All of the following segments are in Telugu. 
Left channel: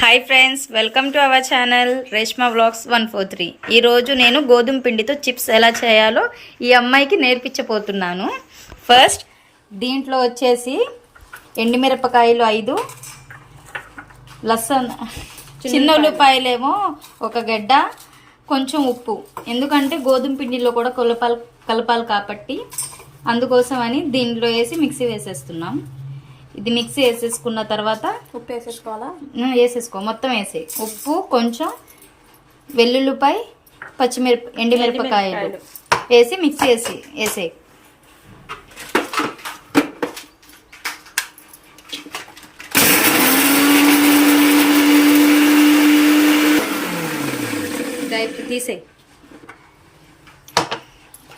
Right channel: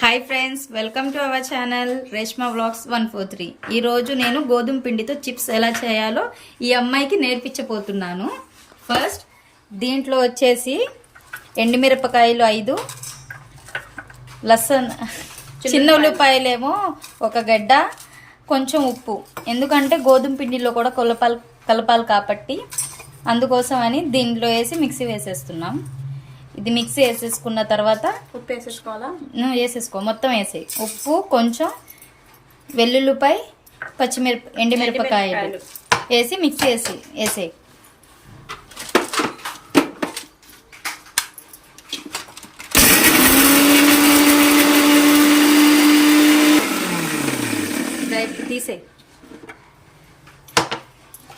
Hi friends, welcome to our channel Reshma vlogs 143. ఈరోజు నేను గోధుమ పిండితో చిప్స్ ఎలా చేయాలో ఈ అమ్మాయికి నేర్పించబోతున్నాను. ఫస్ట్ దీంట్లో వచ్చేసి ఎండుమిరపకాయలు 5, లసన్ చిన్న ఉల్లిపాయలేమో ఒక గడ్డ, కొంచెం ఉప్పు. ఎందుకంటే గోధుమ పిండిలో కూడా కలపాలి కాబట్టి అందుకోసం అని దీంట్లో వేసి మిక్సీ వేసేస్తున్నాం. ఇది మిక్సీ వేసేసుకున్న తర్వాత ఉప్పు వేసేసుకోవాలా? వేసేసుకో, మొత్తం వేసే. ఉప్పు, కొంచెం వెల్లుల్లిపాయ, ఎండుమిరపకాయలు వేసి మిక్సీ వేసే. తీసే.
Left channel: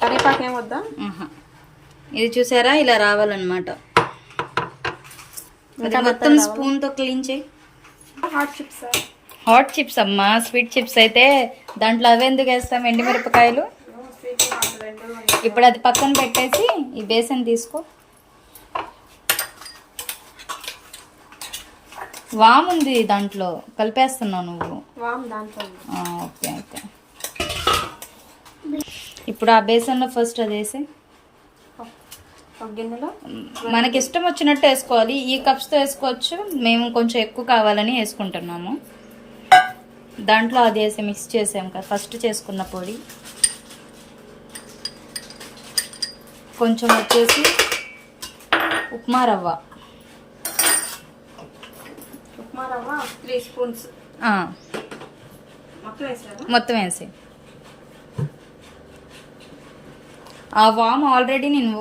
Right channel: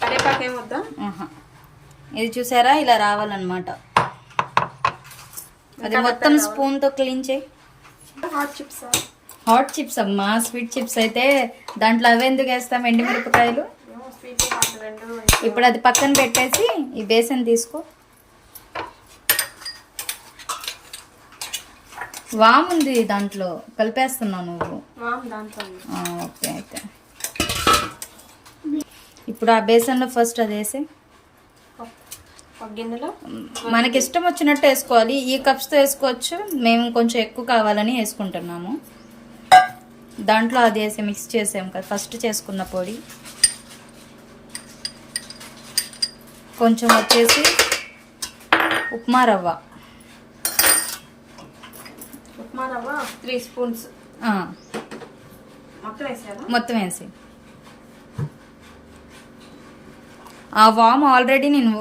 కరివేపాకేం వద్దా? ఇది చూసారా, ఇలా రావాలన్నమాట. అది మొత్తం స్పూన్ తో క్లీన్ చేయి. హాట్ చిప్స్ అమ్మా, స్వీట్ చిప్స్ అయితే దాంట్లో అవి ఎందుకు వేస్తాం, ఎండుమిరపకాయలు. ఇప్పుడు అది పక్కన పెట్టేసి ఈ బేసన్ తీసుకో. వామ్ ఉంది దాంట్లో, కలిపేస్తున్నావు నువ్వు. ఓకే, అయితే ఇప్పుడు ఆ బేసన్లో ఫస్ట్ అది వేసి మనకి ఇష్టం వచ్చినట్టు వేసుకోవాలి. ఈ కప్స్తో వేసుకోవచ్చు, మేము కొంచెం ఎక్కువ కావాలని వేసుకుంటున్నాము. దాంట్లో అది వేసి మిక్స్ చేసాము కదా ఫస్ట్ చేసుకున్న పొడి. కొంచెం వచ్చేసి ఉప్మా రవ్వ 3 స్పూన్స్ మొత్తం వేసి. ఆ వామ్ ఆల్రెడీ నేను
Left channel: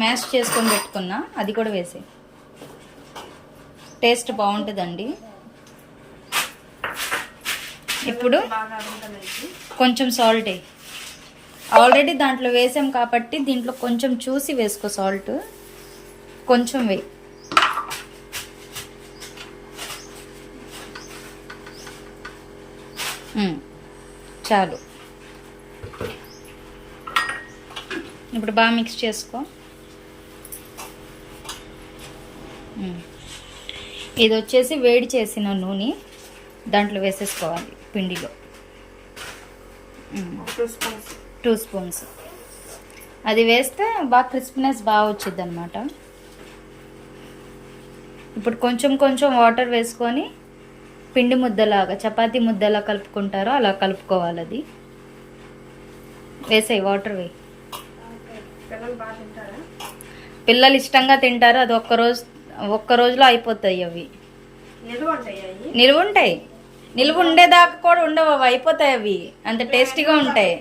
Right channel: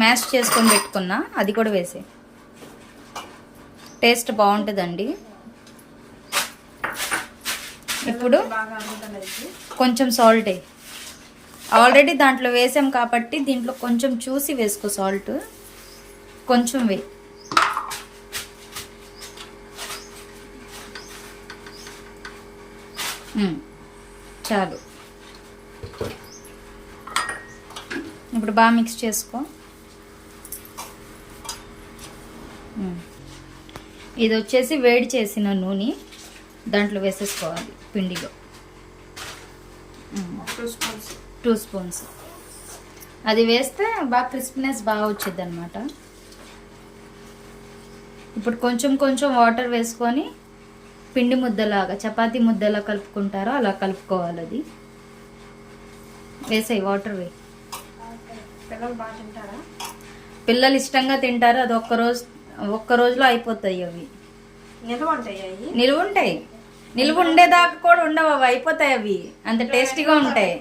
మ్యాష్ చేసుకొని పెట్టుకున్నా, అది కూడా వేసే. టేస్ట్ బాగుంటుందండి. ఇప్పుడు కొంచెం సాల్ట్ వేయి. ఆల్రెడీ దాంట్లో వేసాం కాబట్టి దీంట్లో కొంచెం చూసి వేసుకో. సాల్ట్ కొంచెం వేయి. చాలు. ఇప్పుడు బాగా మిక్స్ చేసుకో. ఇది వచ్చేసి వేడి చేసిన నూనె దాంట్లో వేసేసుకోవాలి పిండిలో. 2 స్పూన్స్. అది వేస్తే బాగా క్రిస్పీనెస్ బాగా వచ్చింది అనమాట. ఇప్పుడు కొంచెం కొంచెం వాటర్ వేసుకొని పిండి ముద్దలాగా, చపాతీ ముద్దలా కలుపుకుంటారో అలా కలుపుకోవాలి. అది వేసాయి, వాటర్ వేయి. పిల్లలు ఇష్టంగా తింటారు. అది ఒక్క రోజులో అయిపోతాయి. అవి నిల్వ ఉంటాయి. నిల్వ ఉండేదాకా కూడా ఉండవు, అవి అయిపోతాయి. అవి అంత టేస్టీగా ఉంటాయి.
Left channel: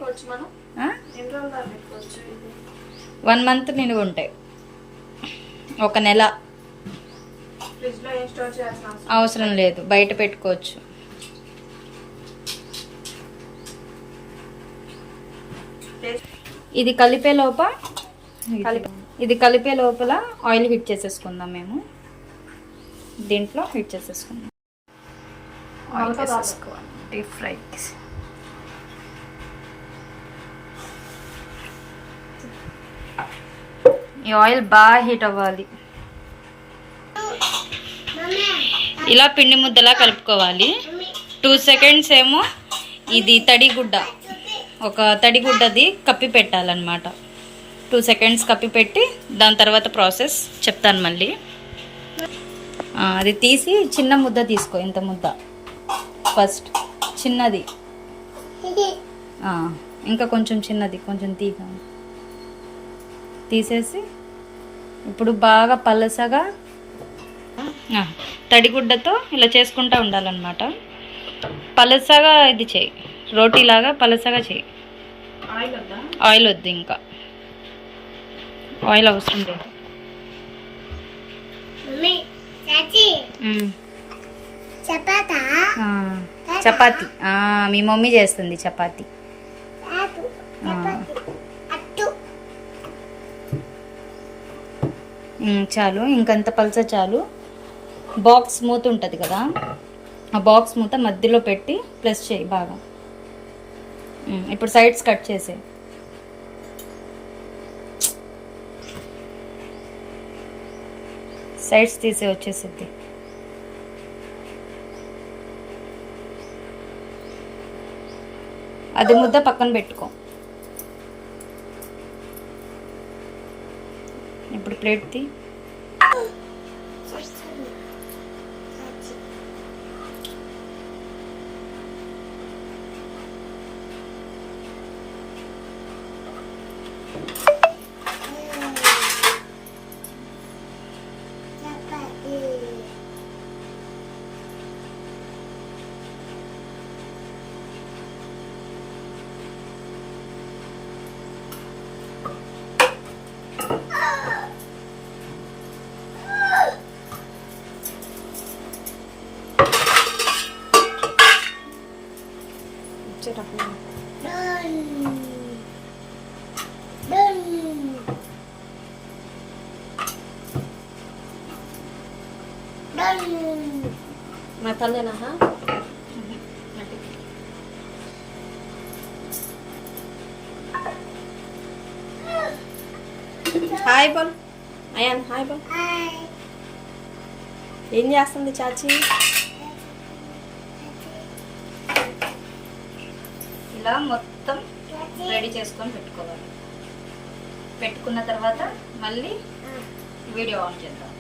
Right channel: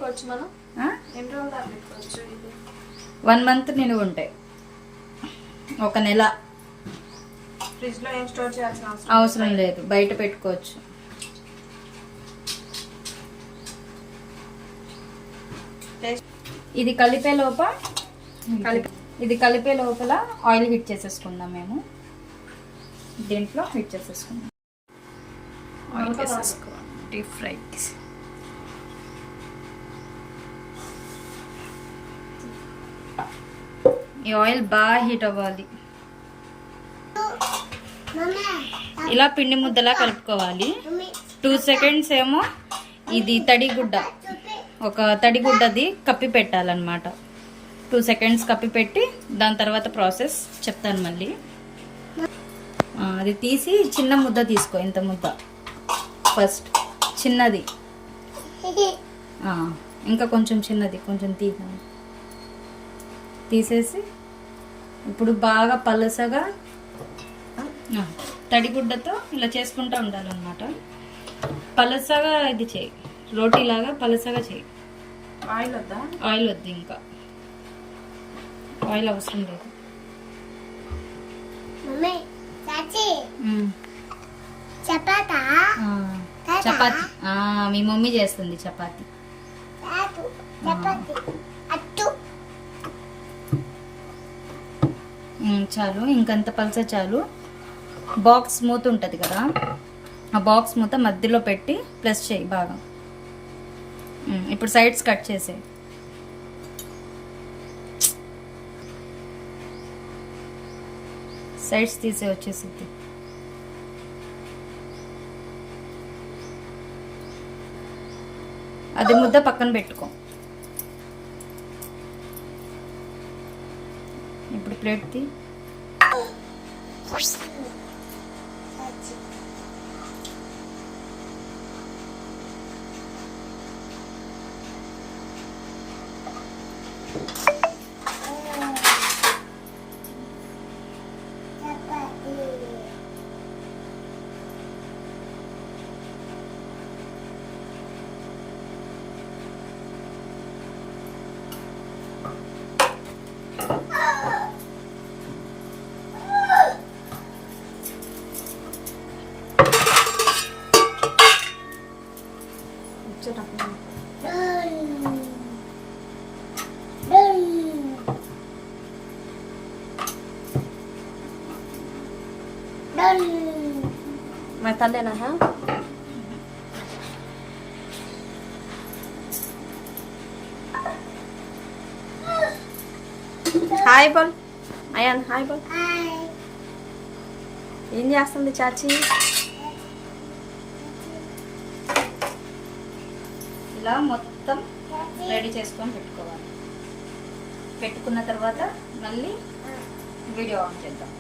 1 మంత్ నిల్వ ఉంటాయి. 1 నెల అవసరం లేదు, బయట పెట్టుకోవచ్చు. ఇది కలిపే లోపల ఆయిల్ హీట్ చేసేసుకుందాం. మేము దీంట్లో హీట్ చేసేసుకుందాం. ఆయిల్ వేసేసుకోవాలి, డీప్ ఫ్రై. ఈ ఆయిల్ బాగా హీట్ అవ్వాలి. ఇలా పిండి ముద్దలా కలుపుకోవాలి. 2 సెకండ్స్ ఏమో ఇది ఒక తడిగుడ్డది కప్పి పెట్టాలన్నమాట. 2 సెకండ్స్ కప్పి పెట్టి దాని తర్వాత ప్రాసెస్ చెప్తాను మళ్ళీ. అది తీసి చిన్న ముద్ద తీసుకో. ఇంత ముద్ద ఫస్ట్ చిన్నది, ఇంకా కొంచెం చిన్నది, కొంచెం తీసేసి ఇప్పుడు బాగా పలసగా తడిగుడ్డతో ఇలా చేసుకుంటూ ఉండాలన్నమాట. పలసగా ఇది చేయి, రోటీలాగా పలసగా చేయి. ఆయిల్ వద్దు, ఇంకా ఆయిల్ అవసరం లేదు. చపాతి మీ మమ్మీ చేస్తుంది చపాతి. చాలు, ఇంకంత పలస చాలు. బాక్స్ మూత ఉంటుంది కదా, ఆ బాక్స్ మూత మధ్యలో పెట్టి ప్రెస్ చేయి బాగా. ఇప్పుడు సైడ్స్ కట్ చేసే. సైడ్స్ తీసే వచ్చేసిద్ది. అది ముద్ద పక్కన పెట్టుకో. ఇప్పుడు ప్లేట్ తీ. मैं तल लेना है. హాయ్ బోల్ అయాన్, హాయ్ బోల్. ఏం చేస్తుంది చాచి? ఇలా మొత్తం రెడీ చేసుకొని పెట్టుకోవాలి. పెట్టుకున్న తర్వాత మళ్ళీ వీడియో ఆన్ చేద్దాం.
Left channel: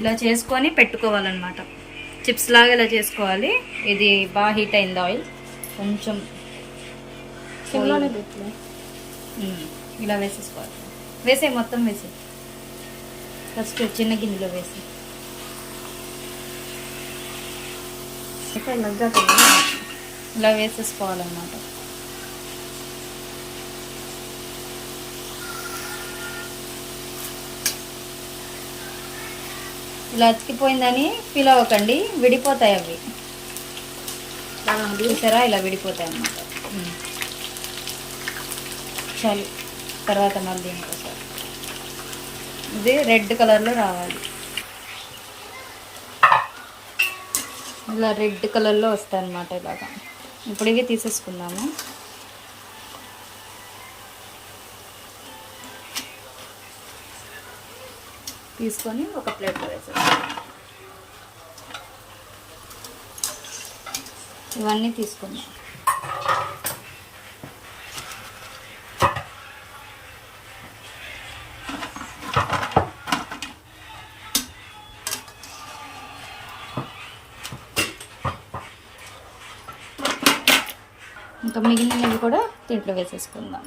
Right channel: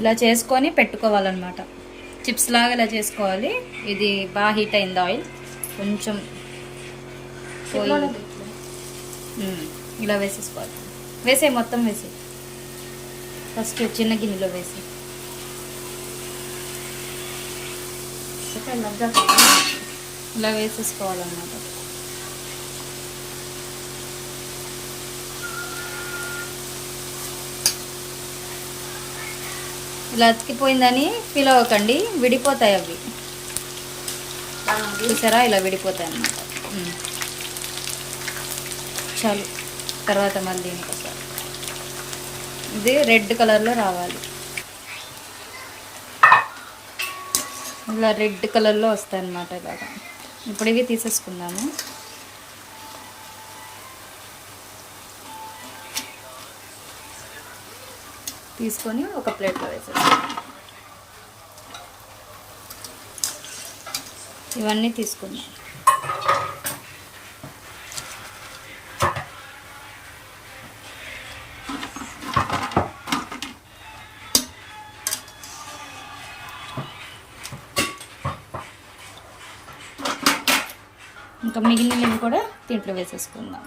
ఇలా చేసుకొని పెట్టుకోవాలన్నమాట. చిప్స్ లాగా ఇలా చేసుకోవాలి. ఇది బాగా హీట్ అయింది ఆయిల్, కొంచెం పోయి ఇలా వేసేసుకోవాలి. వేసే మొత్తం వేసే, ఫస్ట్ చిన్న గిన్నెలో వేసి ఇలా వేసేసుకోవాలన్నమాట. ఇలా అతికిపోయిందని ఫీల్ అవ్వకండి, విడిపోతాయి అవి. చూసారా, ఇలా విడిపోతాయి అన్నమాట. చాలు, తర్వాత మళ్ళీ ఇంకోసారి ఇది రెడ్ కలర్లో రావాలి. ఇలా రెడ్ కలర్లో వస్తాయి అన్నమాట ఇలాగా. ఇప్పుడు ఇవి తీసేసుకుందాము. తీసుకొని ఒక ప్లేట్లో వేసేస్తాము. ఇవన్నీ తీసుకుందాం. ఇంకా మిగిలినవి కూడా దీంట్లో వేసేసుకుందాం.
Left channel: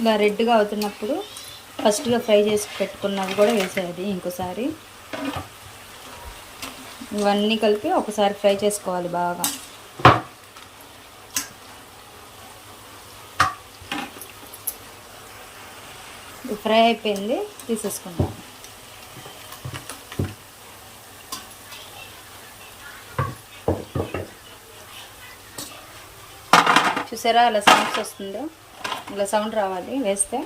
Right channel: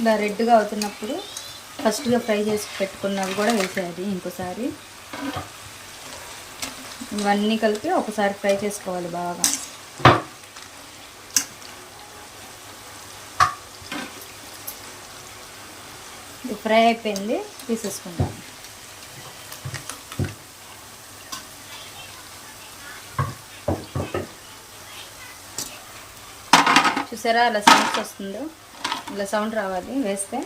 ఇలా రెడ్గా అవుతున్నప్పుడు ఫస్ట్గా ఫ్రై చేసి పెట్టుకున్నవి కూడా వేసేది ఇంకోసారి. ఇవన్నీ కలిపి ఒకసారి ఫ్రై చేసుకోవాలి బాగా. ఇది ఫ్రై అయిపోయింది, తీసేసుకుంటాం. చూసారా అలా సౌండ్స్ వస్తుందో, ఇలా సౌండ్ రావాలి వేస్తే.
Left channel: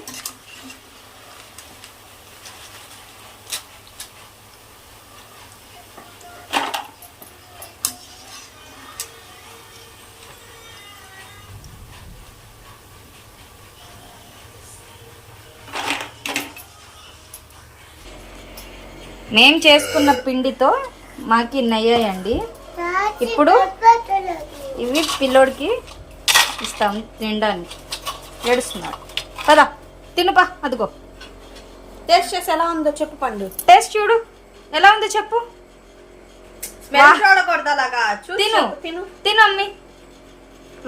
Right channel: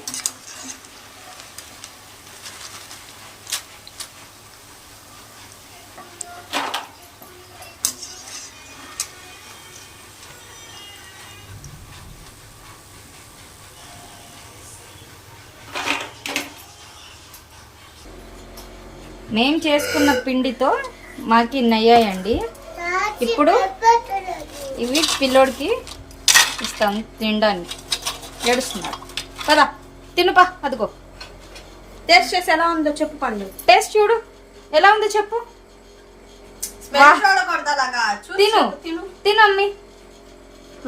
మేము చేసుకున్న పిండితో మాకు ఇన్ని అయ్యాయండి. ఇప్పుడు ఇవి పిల్లోడికి ఇస్తాం తినడానికి. ఏడుస్తున్నాడు, పదా తినుపా. అదిగో టేస్ట్ చేసి ఎలా ఉందో చెప్పు పండు. టేస్ట్ చూడు ఎలా ఉందో చెప్పు. తిను తిను అమ్మి,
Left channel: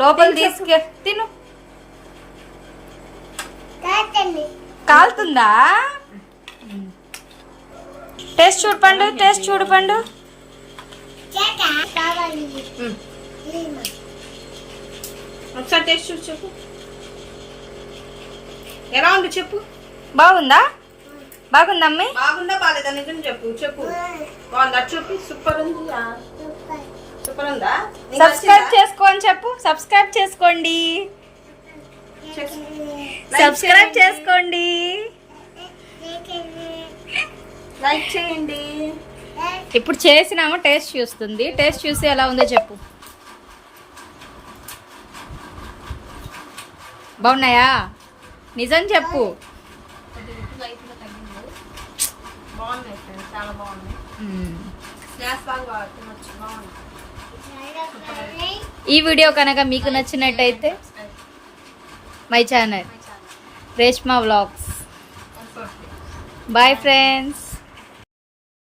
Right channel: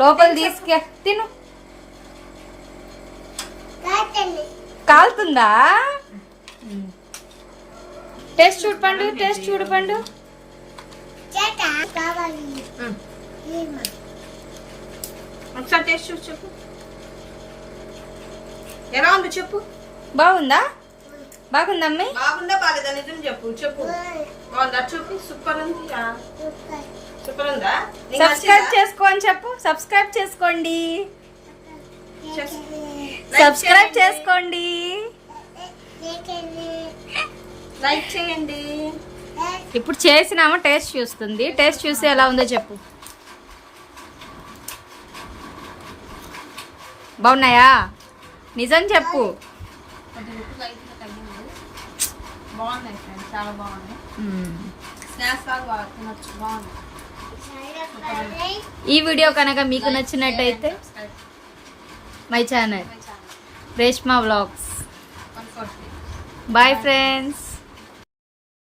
లోపల తీసుకే తిను. కాలుతుందా? టేస్ట్ చూడు పండు, టేస్ట్ చూడు పండు. ఒకసారి టేస్ట్ చూసి చెప్పు ఎలా ఉంది చెప్పు. బాగుందా? బాగుందా అమ్మి? బాగుందా బాగాలేదా నిజం చెప్పు. చెప్పు బాగుందా చూపి. సూపర్ ఉంది, సూపర్ సూపర్ ఉందా? నీకు సబ్స్క్రైబ్ నచ్చిందా? చేసుకో అని చెప్పు. సబ్స్క్రైబ్ చేసుకోండి. చేసు. సబ్స్క్రైబ్ చేసుకోండి. లైక్ చేయండి. ఇప్పుడు చేసినామో టేస్ట్ చూస్తుంది. టేస్ట్ చూసి ఎలా ఉందో చెప్పు. బాగున్నాయా? నిజం చెప్పు. బాగున్నాయి ఫ్రెండ్స్, చాలా బాగున్నాయి. మ్మ్. స్నాక్స్ లాగా బాగా తినొచ్చు. బాగుంది. ఈ వీడియో కనుక మీకు నచ్చినట్టయితే my channel Reshma vlogs. 140. Bye friends.